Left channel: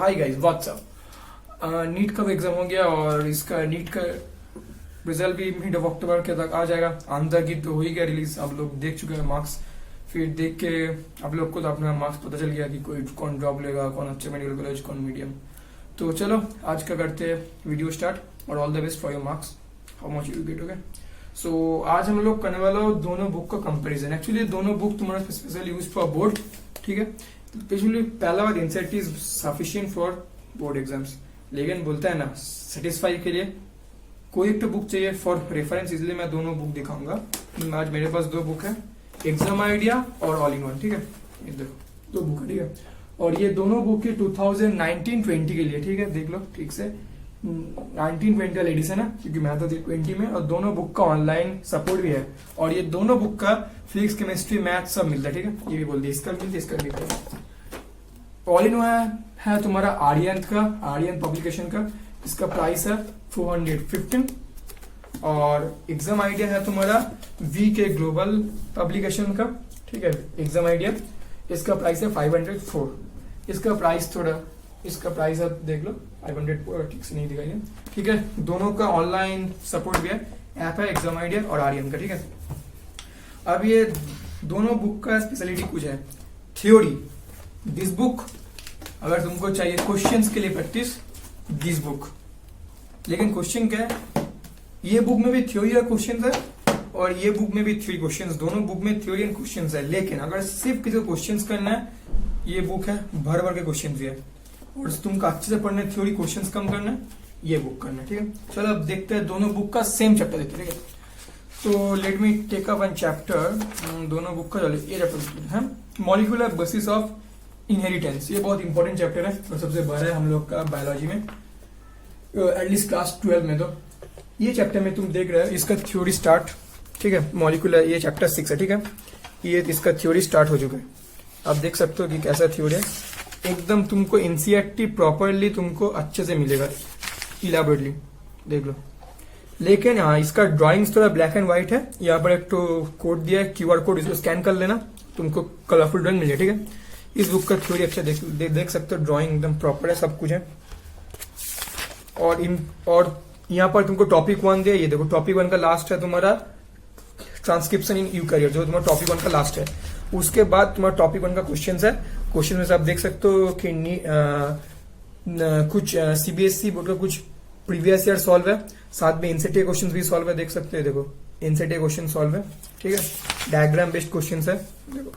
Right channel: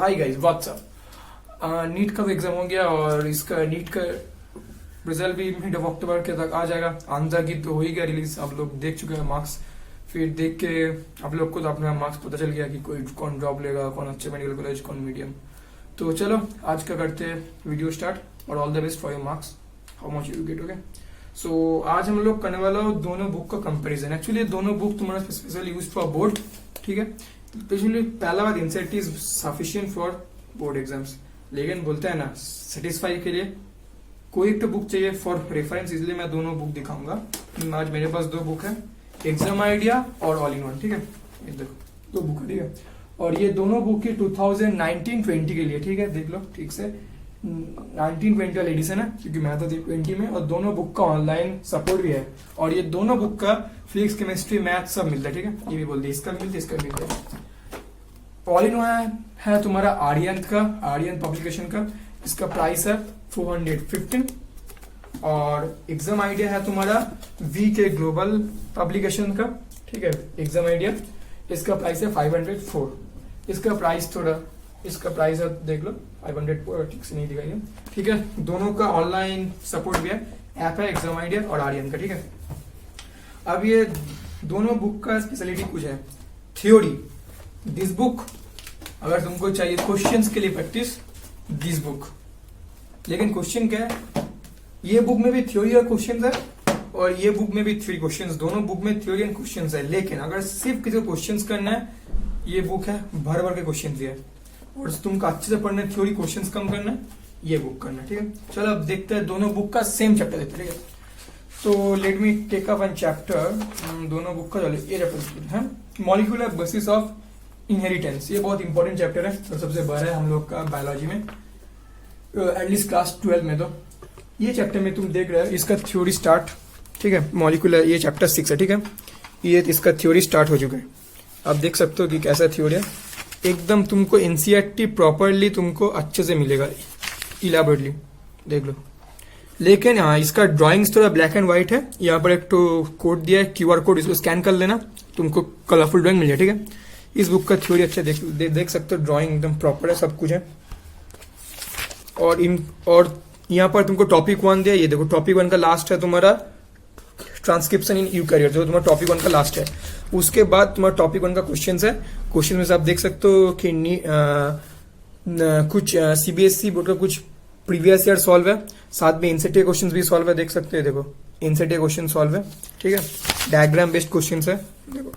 Hi guys what's up. NEET का भी exam हो गया और इसका नीट का रिजल्ट भी मिड ऑफ अक्टूबर के तक आ जाएगा। आंध्र की तो हो ही गया रिलीज, आप लोग देख चुके हैं मार्क्स। फिर देख के आप लोग को तो अपना मार्क्स पता चल गया कि कोई कौन ड्रॉप लेगा, कौन अच्छे मेडिकल कॉलेज, कौन मीडियम। तो चलो आज का करते वीडियो स्टार्ट और all the best for your marks, how much you get. Okay, so आज हम लोग करने वाला हो दोनों बुक का कंपैरिजन। एक्चुअली दोनों बुक तुम्हारा स्पेशल यूज फॉर बोर्ड, ठीक है। स्पेशली पहला बार inset is sufficient for board exams, लेकिन बोलते हैं ना सेटिस्फाई के लिए कोई एक तो बुक चाहिए फॉर रेफरेंस, इसलिए मैं दोनों बुक दिखाऊंगा। आज मेरे पास दो बुक है, एग्जाम आइडिया और ऑल इन वन, ठीक है। ये देखो दो बुक है, ठीक है। और ये दोनों बुक है 2019-20 के लिए, ठीक है। देख लो ठीक से 19-20 वाला एडिशन है, क्योंकि मैं तो 20 में, और दोनों बुक का ऑनलाइन सपोर्ट भी है। और ये दोनों बुक का फिजिक्स, केमिस्ट्री, मैथ सब मिलता है, ठीक है। ये भी बोल दिया, इसका मिलता है, इसका मिलता है। ऑल इन वन है तुम्हारा आर्यन का, आर्यन पब्लिकेशन का। इसका प्राइस है 415। और एग्जाम आइडिया है तुम्हारा वी के ग्लोबल पब्लिकेशन का, ठीक है। एग्जाम आइडिया इसका प्राइस है 504। इसका प्राइस थोड़ा, इसका प्राइस है देख लो 500, ठीक से नहीं दिखाई, ठीक है। दोनों का ऑनलाइन सपोर्ट भी है, ऐप है एग्जाम आइडिया और आर्यन का, ठीक है। अब ये दोनों बुक का स्पेशलिटी कुछ है। थ्योरी, दिस बुक अगर तुमको चाहिए क्वेश्चंस के लिए प्रैक्टिस, दिस बुक। लेकिन क्वेश्चन क्या है, ये बुक में भी थ्योरी और क्वेश्चन है और ये बुक में भी थ्योरी क्वेश्चन, दोनों बुक में थ्योरी एंड क्वेश्चन है। लेकिन अगर सिर्फ किसी को क्वेश्चन करना है, ये बुक है भर भर के क्वेश्चन है। और तुमको अच्छे से पढ़ना है, थ्योरी क्वेश्चन कम करना है, ये बुक करना है, ठीक है। चलो अब देखते हैं दोनों बुक का सेम चैप्टर देखते हैं, ठीक है। So let me take up one chapter, दोनों बुक का। चलो ये चैप्टर है मॉलिक्यूलर बेसिस ऑफ इनहेरिटेंस। ये बहुत इंपॉर्टेंट चैप्टर है और सबसे बड़ा है हम लोग का बायोलॉजी में, एटलीस्ट क्लास 12 में। तो ये चैप्टर में तुम देख रहे हो इसका थ्योरी स्टार्ट, ठीक है। मॉलिक्यूलर ये चैप्टर 6 है, ठीक है। ये इसका थ्योरी स्टार्ट हो चुका है। आप देख सकते हो कि कैसा थ्योरी है, एकदम तुमको एनसीईआरटी प्रॉपरली तुमको अच्छे से मिलेगा, इलाबोरेटली देख लो। लेकिन हाँ, इसका ड्राइंग्स थोड़ा ब्लैक एंड व्हाइट है। यहाँ पर एक तो कोड दिया है, क्यूआर कोड, इसको स्कैन कर लेना, तुमको कलरफुल ड्राइंग मिल जाए, ठीक है। इस बुक का थ्योरी अच्छे देख सकते हो, ड्राइंग एकदम प्रॉपर है, सब कुछ है। और यहाँ पर तुमको टॉपिक 1 दिया, ये देखो टॉपिक 1 का लास्ट है तुम्हारा ट्रांसक्रिप्शन इन यूकैरियोट, जो तुम्हारा टॉपिक 1 का लास्ट है। उसके बाद तुम्हारा टॉपिक 1 का क्वेश्चन है। क्वेश्चन में से आप देख सकते हो कि कुछ सीबीएसई बोर्ड का कुछ प्रीवियस ईयर सॉल्व है, साथ में एनसीटीए क्वेश्चन भी सॉल्व है, देख सकते हैं। देखो एनसीटीए क्वेश्चन सॉल्व है, ठीक है। डायग्राम बेस्ड क्वेश्चन है, देखो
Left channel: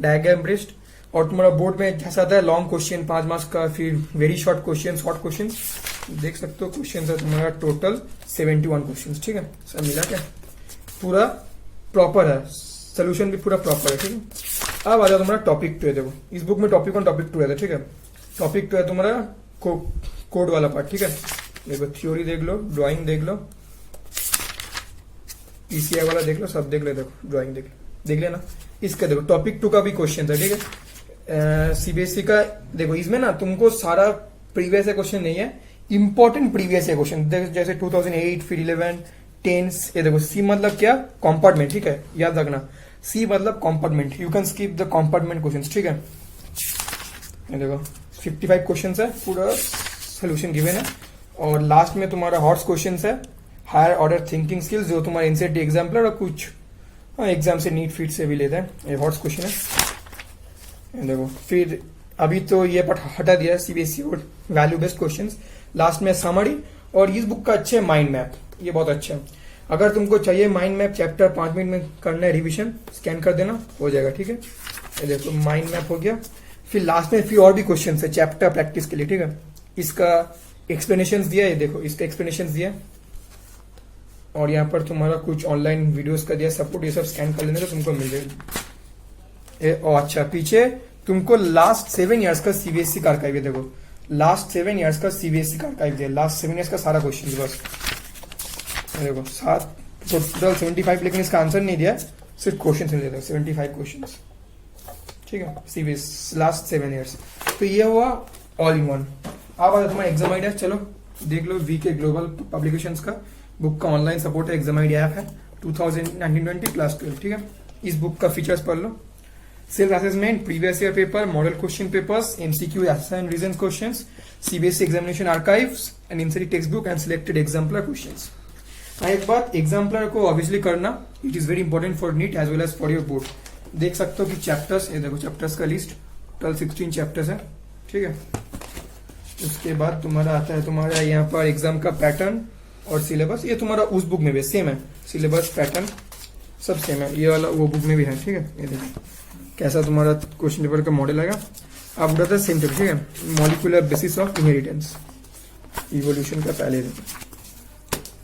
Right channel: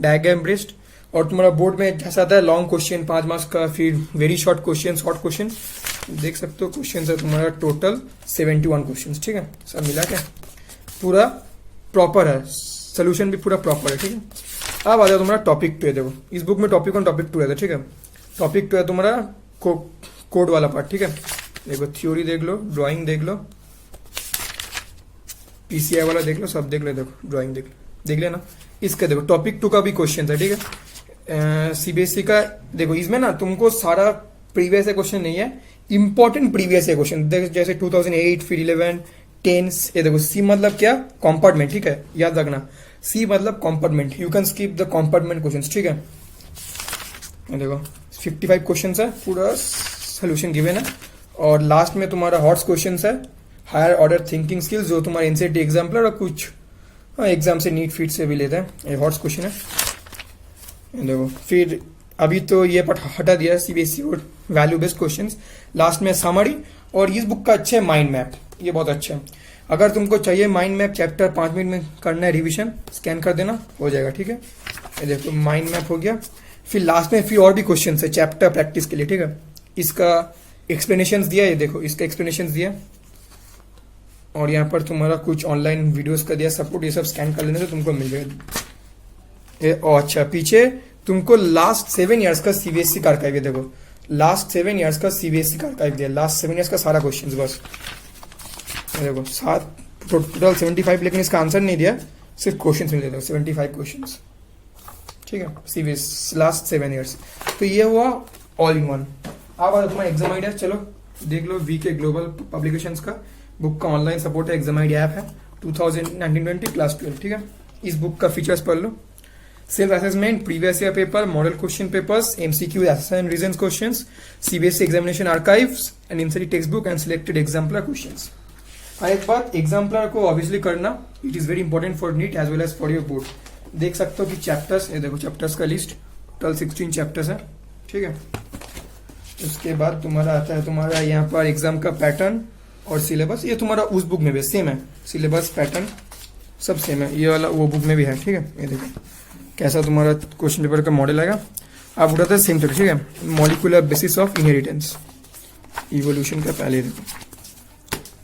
डायग्राम बेस्ड। और तुम्हारा बोर्ड में जैसा आता है लॉन्ग क्वेश्चन 5 मार्क्स का, फिर very short question, short question, देख सकते हो। क्वेश्चन है तुम्हारा टोटल 71 क्वेश्चन, ठीक है। सब मिला के पूरा प्रॉपर है, सोल्यूशन भी पूरा प्रॉपर है, ठीक है। अब आ जाओ तुम्हारा टॉपिक 2 है। देखो इस बुक में टॉपिक 1 टॉपिक 2 है, ठीक है। टॉपिक 2 है तुम्हारा कोड वाला पार्ट, ठीक है। देखो थ्योरी देख लो, ड्राइंग देख लो, पीसीआई वाला देख लो, सब देख लो। देखो ड्राइंग देख लेना। इसका देखो टॉपिक 2 का भी क्वेश्चन है, ठीक है। सीबीएसई का देखो, इसमें ना तुमको सारा प्रीवियस क्वेश्चन नहीं है, इंपॉर्टेंट प्रीवियस क्वेश्चन जैसे 2008, फिर 11, 10। ये देखो सी मतलब क्या, कंपार्टमेंट, ठीक है, याद रखना। सी मतलब compartment, you can skip the compartment questions, ठीक है। देखो 55 क्वेश्चंस है, पूरा सोल्यूशन गिवन है। और लास्ट में तुम्हारा हॉट्स क्वेश्चंस है, हायर ऑर्डर थिंकिंग स्किल्स, जो तुम्हारे एनसीईआरटी एग्जाम्पलर और कुछ एग्जाम से नीट फिट से भी लेते हैं, ये हॉट्स क्वेश्चन है। देखो फिर अभी तो ये पार्ट हटा दिया है CBSE board, value based questions. Last में समरी। और इस बुक का अच्छे माइंड मैप, ये बहुत अच्छा है। अगर तुमको चाहिए माइंड मैप चैप्टर 5 मिनट में करना है रिवीजन, स्कैन कर देना, हो जाएगा, ठीक है। ये देखो माइंड मैप हो गया। फिर लास्ट में फिर और भी क्वेश्चन है चैप्टर प्रैक्टिस के लिए, ठीक है। इसका एक्सप्लेनेशन दिया, ये देखो इसका एक्सप्लेनेशन दिया। और यहाँ पर तुम्हारा कुछ ऑनलाइन वीडियोस का दिया सपोर्ट, ये सब स्कैन कर लेने तो तुमको मिल जाएगा। अच्छा पीछे तुमको लास्ट 7 ईयर्स का सीबीएसई का आर्काइव, देखो लास्ट 7 ईयर्स का सीबीएसई का आर्काइव दिया, लास्ट 7 ईयर्स का सारा क्वेश्चन बस। देखो 7 टोटल 75, लेकिन इसका आंसर नहीं दिया, सिर्फ क्वेश्चन मिल जाएगा 75 क्वेश्चन, ठीक है। CBSE last 7 years. तो ये हुआ ऑल इन वन। अब आ तुम्हारा एग्जाम आइडिया, चलो देख लो। वी के ग्लोबल पब्लिकेशंस का बुक का ऑनलाइन सपोर्ट है, एग्जाम आइडिया ऐप है 2019-20 क्लास 12, ठीक है। इस बुक का फीचर्स पढ़ लो। Self assessment, previous year paper, model question papers, MCQ and reason questions, CBSE examination archives and MCT text book and selected exemplar questions. एक बात, एग्जाम्पलर को ऑब्वियसली करना, it is very important for NEET as well as for your board. देख सकते हो कि chapters, ये देखो चैप्टर्स का लिस्ट, टोटल 16 चैप्टर्स है, ठीक है। उसके बाद तुम्हारा आता है तुम्हारा यहाँ पर एग्जाम का पैटर्न और सिलेबस। ये तुम्हारा उस बुक में भी सेम है, सिलेबस पैटर्न सब सेम है, ये वाला वो बुक में भी है, ठीक है। ये देखो कैसा तुम्हारा क्वेश्चन पेपर का मॉडल आएगा। आप उठाते हैं सेम टॉपिक, ठीक है। Molecular basis of inheritance, evolution का पहले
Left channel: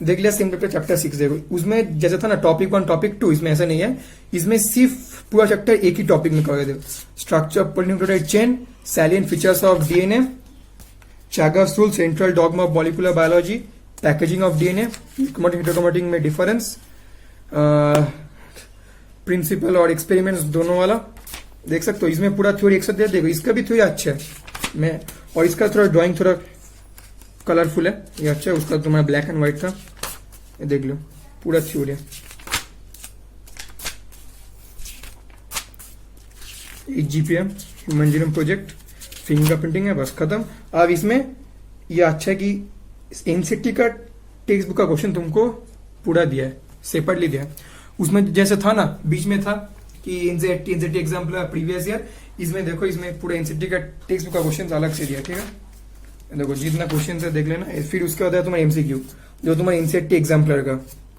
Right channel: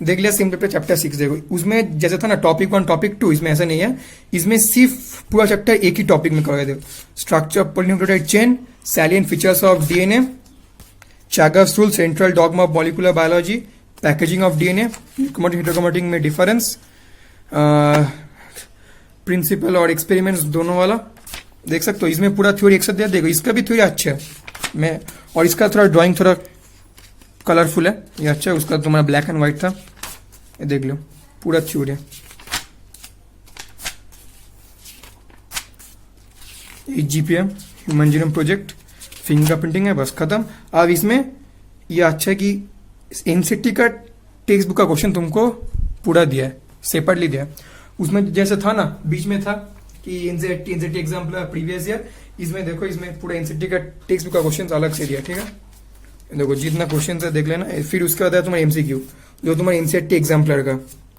देख लिया। सेम पेपर चैप्टर 6 देखो, उसमें जैसा था ना टॉपिक 1 टॉपिक 2, इसमें ऐसा नहीं है। इसमें सिर्फ पूरा चैप्टर एक ही टॉपिक में कवर देखो, structure of polynucleotide chain, salient features of DNA, Chargaff's rule, central dogma of molecular biology, packaging of DNA, heterochromatic में डिफरेंस, प्रिंसिपल और एक्सपेरिमेंट्स दोनों वाला देख सकते हो। इसमें पूरा थ्योरी एक साथ दिया, देखो इसका भी थ्योरी अच्छा है मैं, और इसका थोड़ा ड्राइंग थोड़ा कलरफुल है, ये अच्छा है। उसका तुम्हारा ब्लैक एंड व्हाइट था, ये देख लो पूरा थ्योरी है। GPM, human genome project, fingerprinting है, बस खत्म। अब इसमें ये अच्छा है कि एनसीटी का टेक्स्ट बुक का क्वेश्चन तुमको पूरा दिया है, सेपरेटली दिया है। उसमें जैसे था ना बीच में था कि एनसीटी एग्जाम्पल प्रीवियस ईयर, इसमें देखो इसमें पूरा एनसीटी का टेक्स्ट बुक का क्वेश्चन अलग से दिया, ठीक है। देखो जितना क्वेश्चन है देख लेना। फिर उसके बाद है तुम्हारा एमसीक्यू, जो तुम्हारा एनसीटी एग्जाम्पलर का,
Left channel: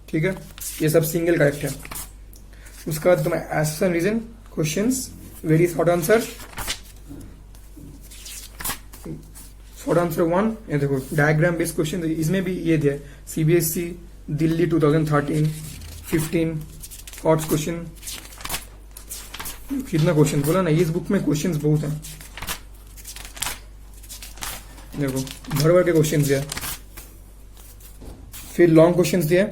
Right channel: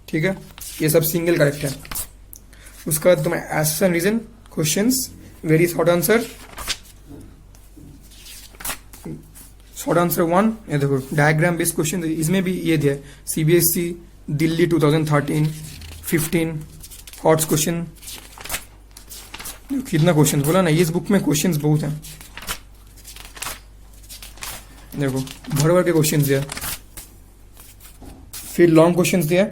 ठीक है। ये सब सिंगल करेक्ट है। उसके बाद तुम्हारा एसेस and reason questions, very short answer, short answer 1। ये देखो डायग्राम बेस्ड क्वेश्चन, इसमें भी ये दिया सीबीएसई दिल्ली 2013-15 हॉट्स क्वेश्चन। कितना क्वेश्चन बोला ना, इस बुक में क्वेश्चंस बहुत हैं, देखो भर भर के क्वेश्चन दिया। फिर लॉन्ग क्वेश्चन दिया,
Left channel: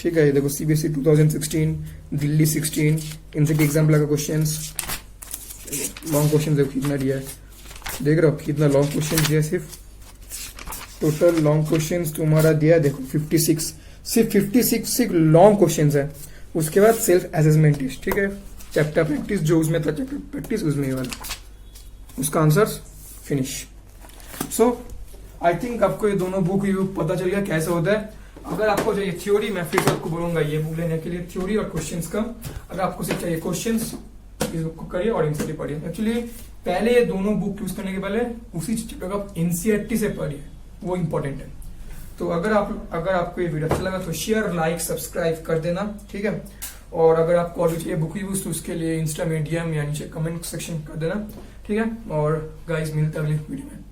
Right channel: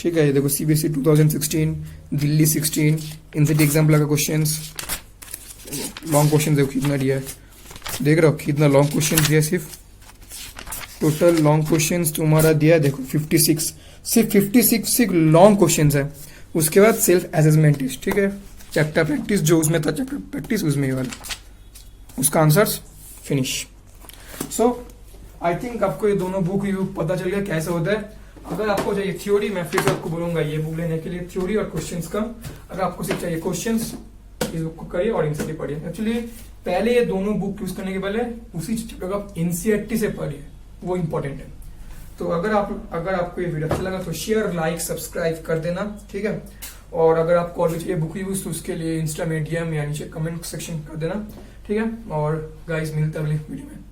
ठीक है। ये देखो सीबीएसई 2016, दिल्ली 16, एनसीटी एग्जाम्पल का क्वेश्चन, लॉन्ग क्वेश्चन देखो कितना दिया है, देख रहे हो कितना लॉन्ग क्वेश्चन दिया। सिर्फ टोटल लॉन्ग क्वेश्चन तुम्हारा दिया देखो 56, सिर्फ 56 सिर्फ लॉन्ग क्वेश्चन है। उसके बाद सेल्फ असेसमेंट टेस्ट, ठीक है। चैप्टर प्रैक्टिस जो उसमें था, चैप्टर प्रैक्टिस उसमें वाला, उसका answers finish. So I think आपको ये दोनों बुक रिव्यू पता चल गया कैसे होता है। अगर आपको चाहिए थ्योरी, मैं फिर से आपको बोलूंगा ये बुक लेने के लिए, थ्योरी और क्वेश्चंस कम। अगर आपको सिर्फ चाहिए क्वेश्चंस, इस बुक को करिए और एनसीटी पढ़िए। एक्चुअली पहले ये दोनों बुक यूज करने के पहले उसी चैप्टर का एनसीईआरटी से पढ़िए, वो इंपॉर्टेंट है। तो अगर आपको ये वीडियो अच्छा लगा तो शेयर, लाइक, सब्सक्राइब कर देना, ठीक है। और अगर आपको और भी चाहिए बुक रिव्यूज तो उसके लिए इंस्टा में DM या नीचे कमेंट सेक्शन कर देना, ठीक है। और गाइस मिलते हैं अगले वीडियो में।